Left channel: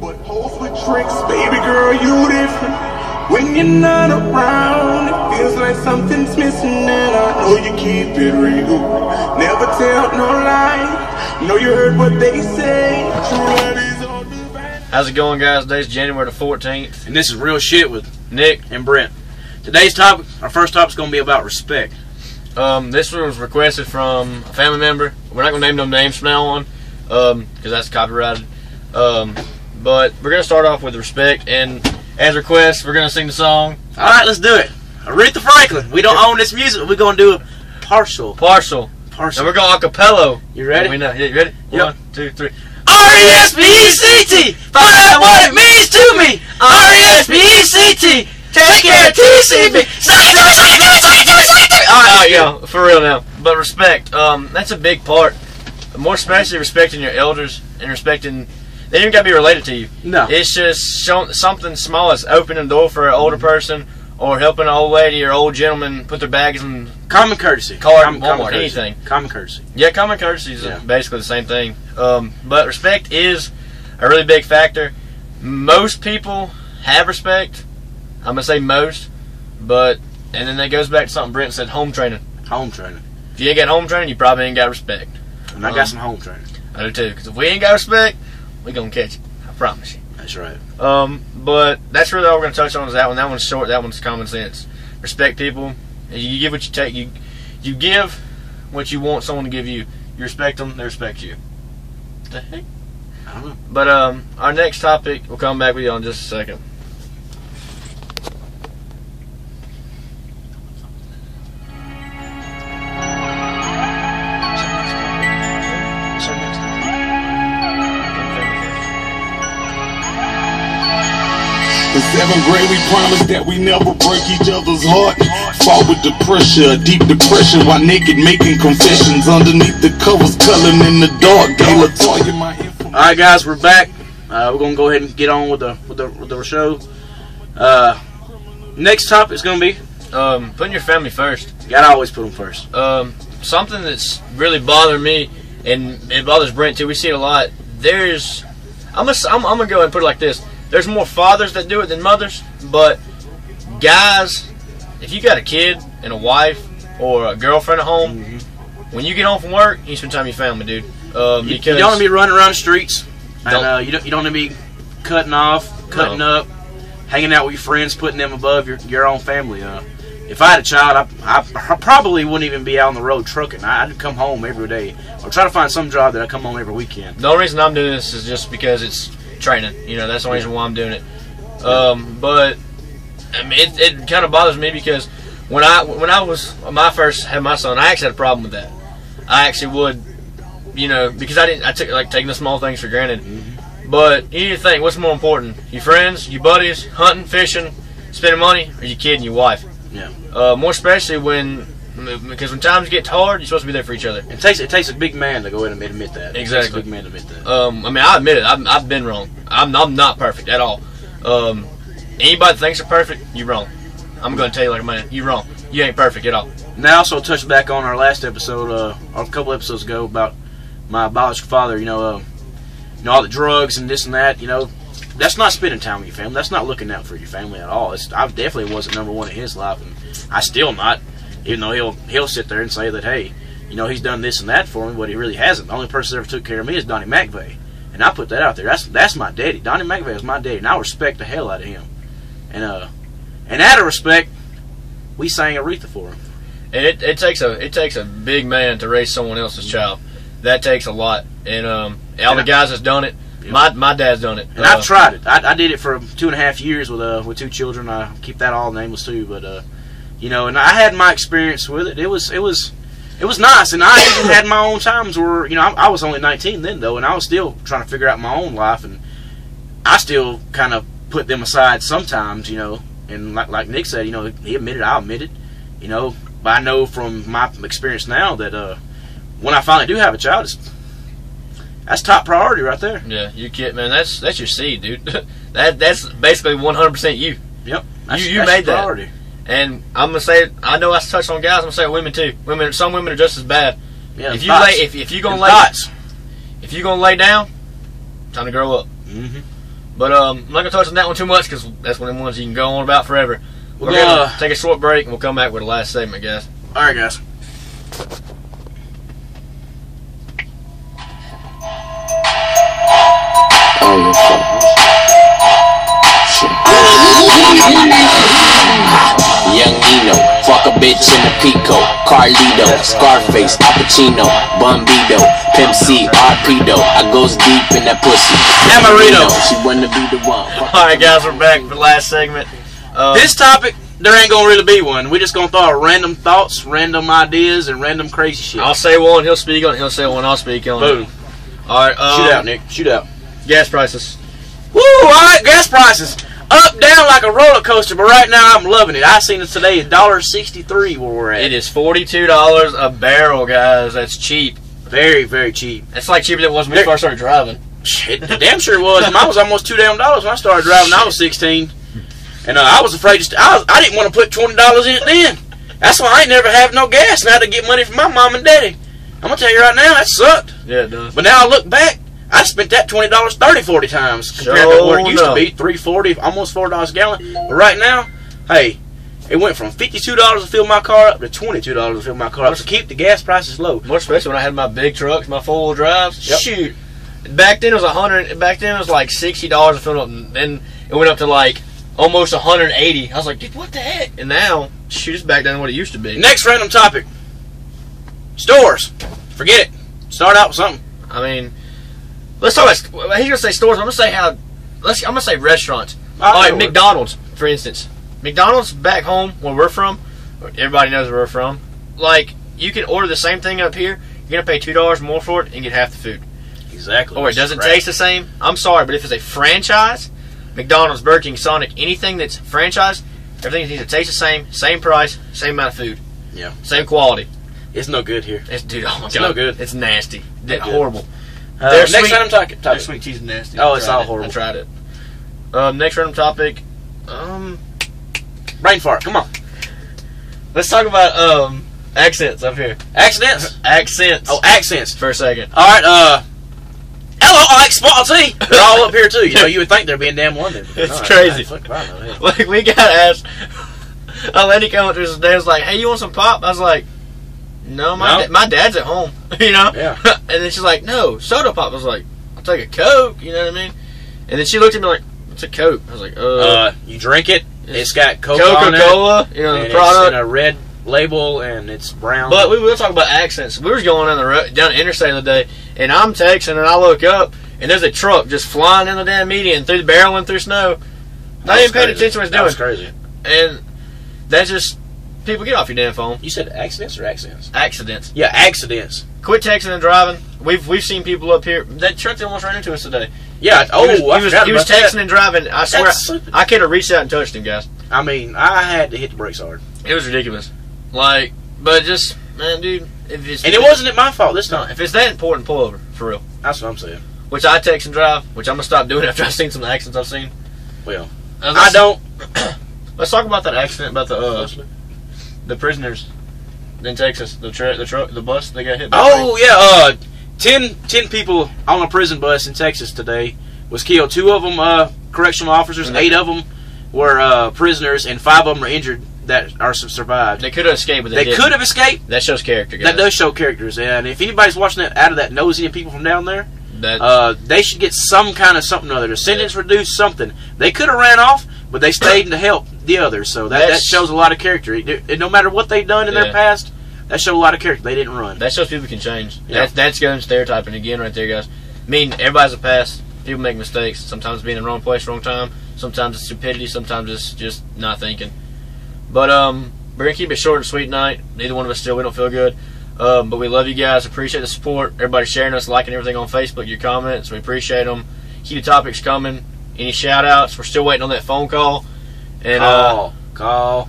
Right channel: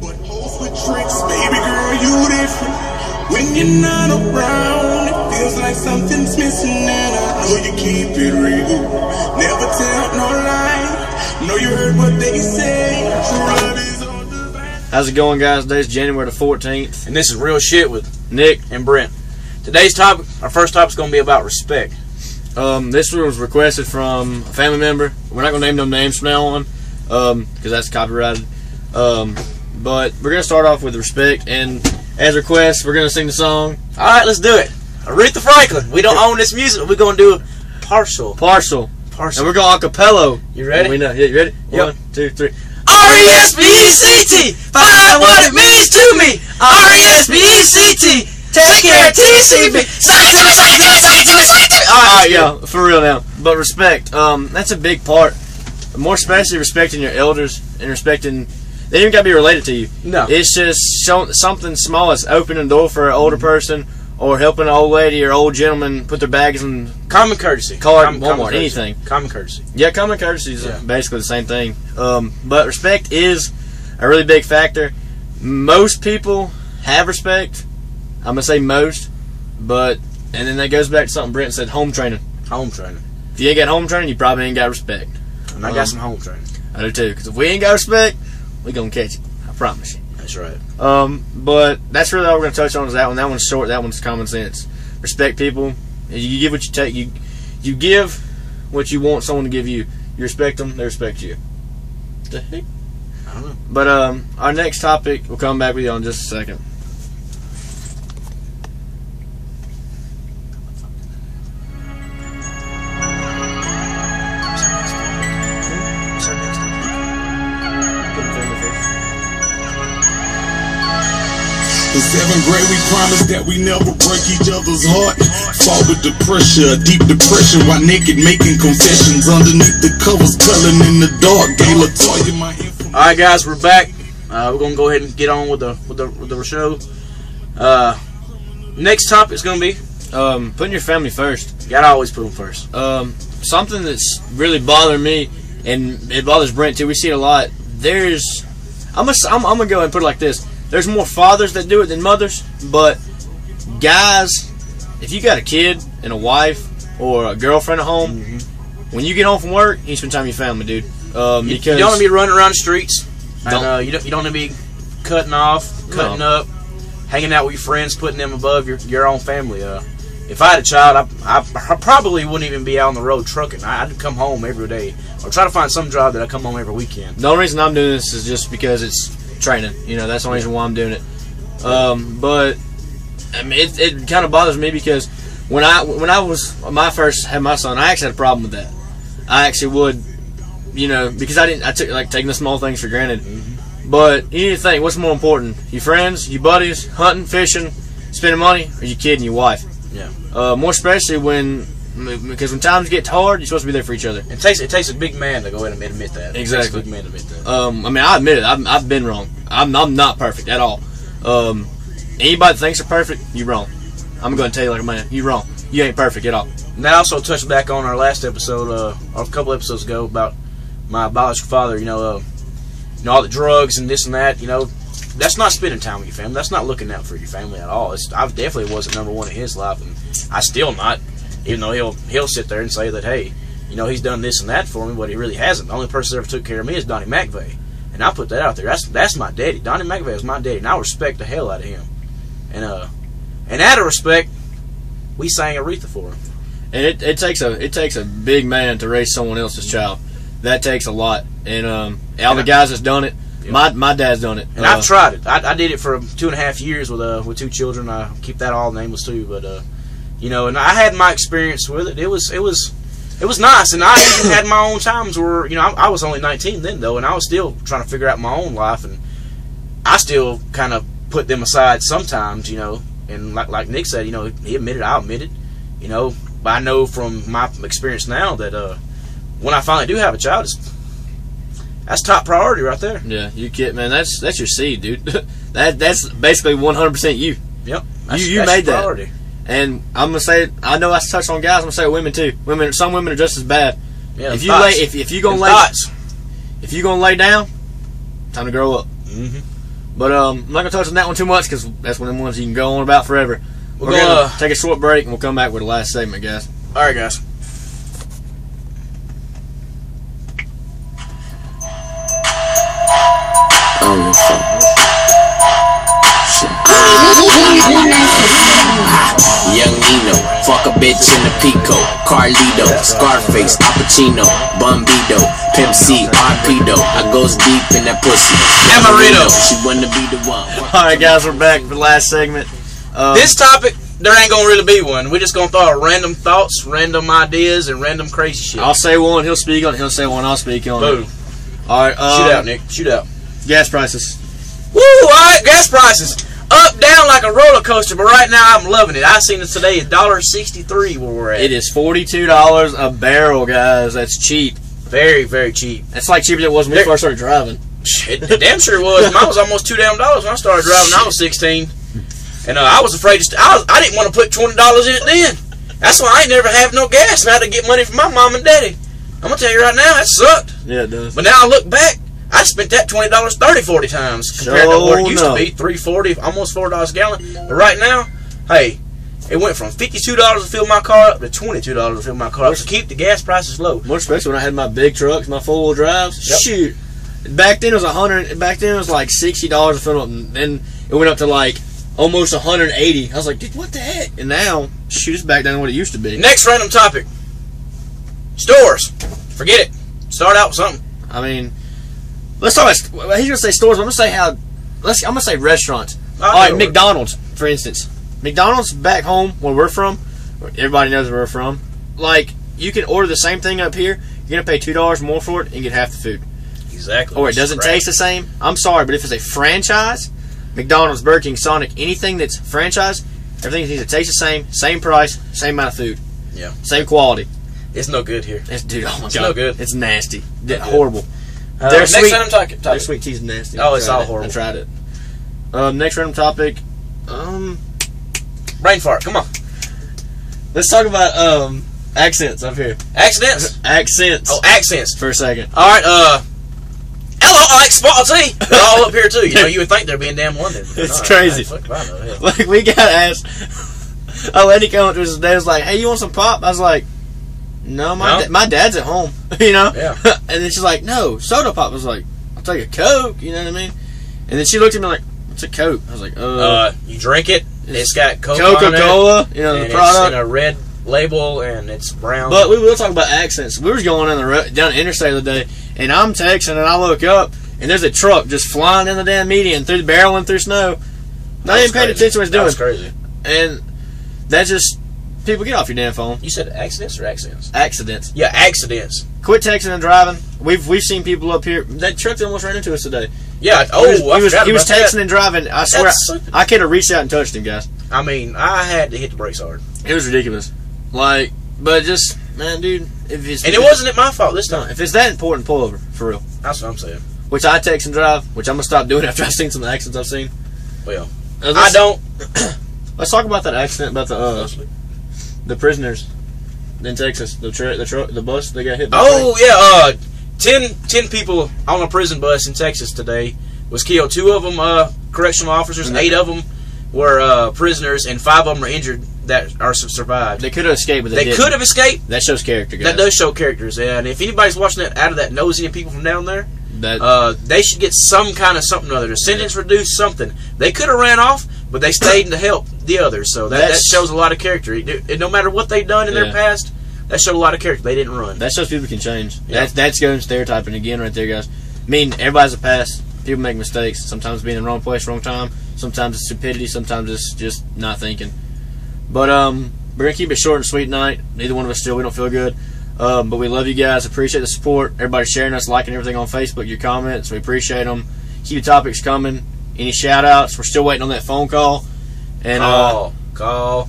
But hoes with tricks, baby girl, you different. When you're not around, it feels like something's missing, and I know you keep it real. Never tell no lie. Know you heard what they say. True love is all divine. How's it going, guys? Today's January the 14th, and this is Real Shit with Nick and Brent. Today's topic, our first topic, is going to be about respect. This one was requested from a family member. We're not going to name no names from now on, because that's copyrighted. But we're going to start off with respect, and as request, we're going to sing the song. All right, let's do it. Aretha Franklin. We don't own this music. We're going to do a partial. And we're going acapella. You ready? Yeah, you ready? Yep. 1, 2, 3. R.E.S.P.E.C.T. Find out what it means to me. R.E.S.P.E.C.T. Take care of TCB. Alright, yo, for real now. But respect, that's a big part. More especially respecting your elders and respecting. They don't even got to be related to you. No. It's just something small as opening the door for an older person or helping an old lady or old gentleman put their bags in. Common courtesy. Common anything. Common courtesy. Yeah, common courtesy is basically the same thing. But respect is a really big factor. Most people have respect. I'm going to say most. And then that goes back to something Brent said, home training. Home training. If you ain't got home training, you probably ain't got respect. And I got some home training. I do too, because if we ain't got respect, we gonna catch it. I promise you. That's right. But that's really all we're gonna touch on is that one. That one's short. That one's common sense. Respect people. You give what you take. You give what you want someone to give you. You respect them, they respect you. What the heck? I don't know. But our next topic, we'll come back with you in just a second. In 7th grade, we promised that we never break each other's heart. Fought with the pressure, deep depression, while naked making confessions underneath the covers, coloring in the dark. All right, guys, we're back. We're gonna go ahead and get on with the show. Next topic is gonna be putting your family first. You gotta always put them first. Something that's really bothering me, and it bothers Brent too. We see it a lot. I'm gonna go ahead and put it like this. There's more fathers that do it than mothers, but guys, if you got a kid and a wife or a girlfriend at home, when you get home from work, you spend time with your family, dude. Because you don't want to be running around the streets, and you don't want to be cutting up, hanging out with your friends, putting them above your own family. If I had a child, I probably wouldn't even be out on the road trucking. I'd come home every day, or try to find some job that I come home every weekend. The only reason I'm doing this is just because it's training, that's the only reason why I'm doing it. But I mean, it kind of bothers me because when I first had my son, I actually had a problem with that. I actually would, because I took taking the small things for granted. But you need to think, what's more important? Your friends, your buddies, hunting, fishing, spending money, or your kid and your wife? Yeah. More especially because when times get hard, you're supposed to be there for each other. It takes a big man to go ahead and admit that. Exactly. It takes a big man to admit that. I mean, I admit it. I've been wrong. I'm not perfect at all. Anybody that thinks they're perfect, you're wrong. I'm going to tell you like a man, you're wrong. You ain't perfect at all. Now, I also touched back on our last episode, or a couple episodes ago, about my biological father. All the drugs and this and that. That's not spending time with your family. That's not looking out for your family at all. I definitely wasn't number one in his life, and I still not. Even though he'll sit there and say that, hey, he's done this and that for me, but he really hasn't. The only person that ever took care of me is Donnie McVeigh, and I put that out there. That's my daddy. Donnie McVeigh is my daddy, and I respect the hell out of him. And out of respect, we sang Aretha for him. And it takes a big man to raise someone else's child. That takes a lot. And all the guys that's done it, my dad's done it. And I've tried it. I did it for 2.5 years with 2 children. I keep that all nameless too, but. And I had my experience with it. It was nice, and I even had my own times where I was only 19 then though, and I was still trying to figure out my own life, and I still kind of put them aside sometimes, And like Nick said, he admitted, I admitted, But I know from my experience now that when I finally do have a child, that's top priority right there. Yeah, you kid, man. That's your seed, dude. that's basically 100% you. Yep, you made that. Priority. And I'm gonna say, I know I touched on guys. I'm gonna say women too. Some women are just as bad. Yeah, if you're gonna lay down, Time to grow up. Mm-hmm. But I'm not gonna touch on that one too much because that's one of the ones you can go on about forever. We're We're gonna take a short break and we'll come back with the last segment, guys. All right, guys. Young Nino, fuck a bitch in a Pico, Carlito, Scarface, Al Pacino, Bombito, Pimp C, R.E.P.E.C.T. I goes deep in that pussy. Amarito. She wanna be the one. Alright, guys, we're back for the last segment. This topic, there ain't gonna really be one. We're just gonna throw out random thoughts, random ideas, and random crazy shit. I'll say one, he'll speak on it. He'll say one, I'll speak on Boom. it. Alright, Shoot out, Nick. Shoot out. gas prices. Woo! Alright, gas prices. Up, down like a roller coaster, but right now I'm loving it. I seen it today, $1.63 where we're at. It is $42 a barrel, guys. That's cheap. Very, very cheap. It's like cheaper than it was when we first started driving. It damn sure was. Mine was almost $2 when I started driving. I was 16, and I was afraid to. I didn't want to put $20 in it then. That's why I ain't never have no gas, and I had to get money from my mom and daddy. I'm gonna tell you right now, that sucked. Yeah, it does. But now I look back, I spent that $20 30, 40 times compared to what it used to be, $3.40, almost $4 a gallon. But right now, hey, it went from $52 to fill my car up to $22 to fill my car up to keep the gas prices low. More especially when I had my big trucks, my 4-wheel drives. Yep. Shoot. Back then it was Back then it was like $60 to fill up, and then it went up to like almost $180. I was like, dude, what the heck? And now, shoot, it's back down to what it used to be. Next random topic: stores. Forget it. Start out with something. I mean, let's talk about. He's gonna say stores. But I'm gonna say restaurants. All right, McDonald's, for instance. McDonald's back home where we're from. Everybody knows where we're from. Like, you can order the same thing up here. You're gonna pay $2 more for it and get half the food. Exactly. Or it doesn't taste the same. I'm sorry, but if it's a franchise, McDonald's, Burger King, Sonic, anything that's franchise, everything needs to taste the same, same price, same amount of food. Yeah. Same quality. It's no good here. Dude, oh my It's god, no good. It's nasty. Not Horrible. good. Their Next sweet- random topic. Their sweet tea is nasty. Oh, I it's tried all it. horrible. I tried it. Next random topic. Brain fart. Come on. Let's talk about accents up here. Accidents. Accents. Oh, accents. For a second. All right. Hello, I like Spotty. They're all up here too. You know, you would think they'd be in damn London. It's crazy. Like, we got asked. A lady came up to us today, was like, "Hey, you want some pop?" I was like, "No, my dad's at home." You know. Yeah. And then she's like, "No, soda pop." I was like, "I'll take a Coke." You know what I mean? And then she looked at me like, "What's a Coke?" I was like, You drink it. It's got Coca-Cola. You know, and the product. it's in a red label and it's brown. But we will talk about accents. We were going on the road, down the interstate the other day, and I'm texting, and I look up, and there's a truck just flying in the damn median, through the barreling through snow. Not even paying attention to what it's doing. That was crazy. And that's just, people, get off your damn phone. You said accidents or accents? Accidents. Yeah, accidents. Quit texting and driving. We've seen people up here. That truck that almost ran into us today. Yeah. He was texting and driving. I swear, That's stupid. I could have reached out and touched him, guys. I mean, I had to hit the brakes hard. It was ridiculous. Like, but just, man, dude, if it's And it wasn't my fault this time. if it's that important, pull over for real. That's what I'm saying. Which I text and drive, which I'm gonna stop doing after I've seen some of the accidents I've seen. Well, I Let's- don't. Let's talk about that accident about the prisoners in Texas, the truck, the bus they got hit by. Oh yeah, 10 people on a prison bus in Texas today was killed. 2 of them correctional officers, 8 of them were prisoners, and 5 of them are injured that are survived. They could have escaped, but They didn't. could have escaped. That shows character, guys. That does show characters, and if anybody's watching that out of that nosy and people from down there, That they should get some kind of something or other. The sentence reduced, something. They could have ran off, but they stayed to help the others. So that shows a lot of character. No matter what they've done in their past, that showed a lot of character. They didn't run. that shows people can change. Yeah. That's going stereotyping again right there, guys. I mean, everybody's a past. People make mistakes. Sometimes being in the wrong place, wrong time. Sometimes it's stupidity. Sometimes it's just not thinking. But we're gonna keep it short and sweet tonight. Neither one of us we don't feel good. But we love you guys. Appreciate the support. Everybody sharing us, liking everything on Facebook, your comments. We appreciate them. Keep the topics coming. Any shout outs? We're still waiting on that phone call. And Call.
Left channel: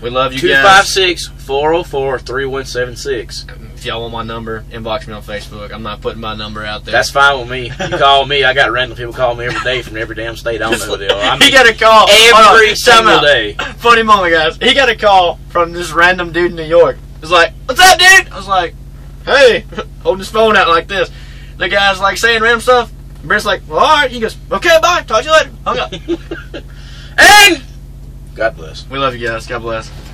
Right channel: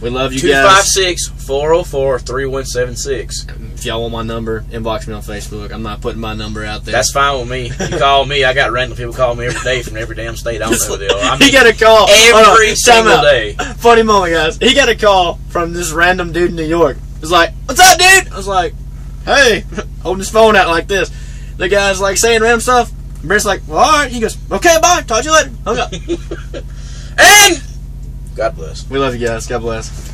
we love you guys. 256-404-3176. If y'all want my number, inbox me on Facebook. I'm not putting my number out there. That's fine with me. You call me. I got random people call me every day from every damn state. I don't know the deal. I mean, he got a call every single day. Funny moment, guys. He got a call from this random dude in New York. He was like, "What's up, dude?" I was like, "Hey," holding his phone out like this. The guy's like saying random stuff. Brent's like, well, all right. He goes, okay, bye. Talk to you later. Hung up. And God bless. We love you guys. God bless.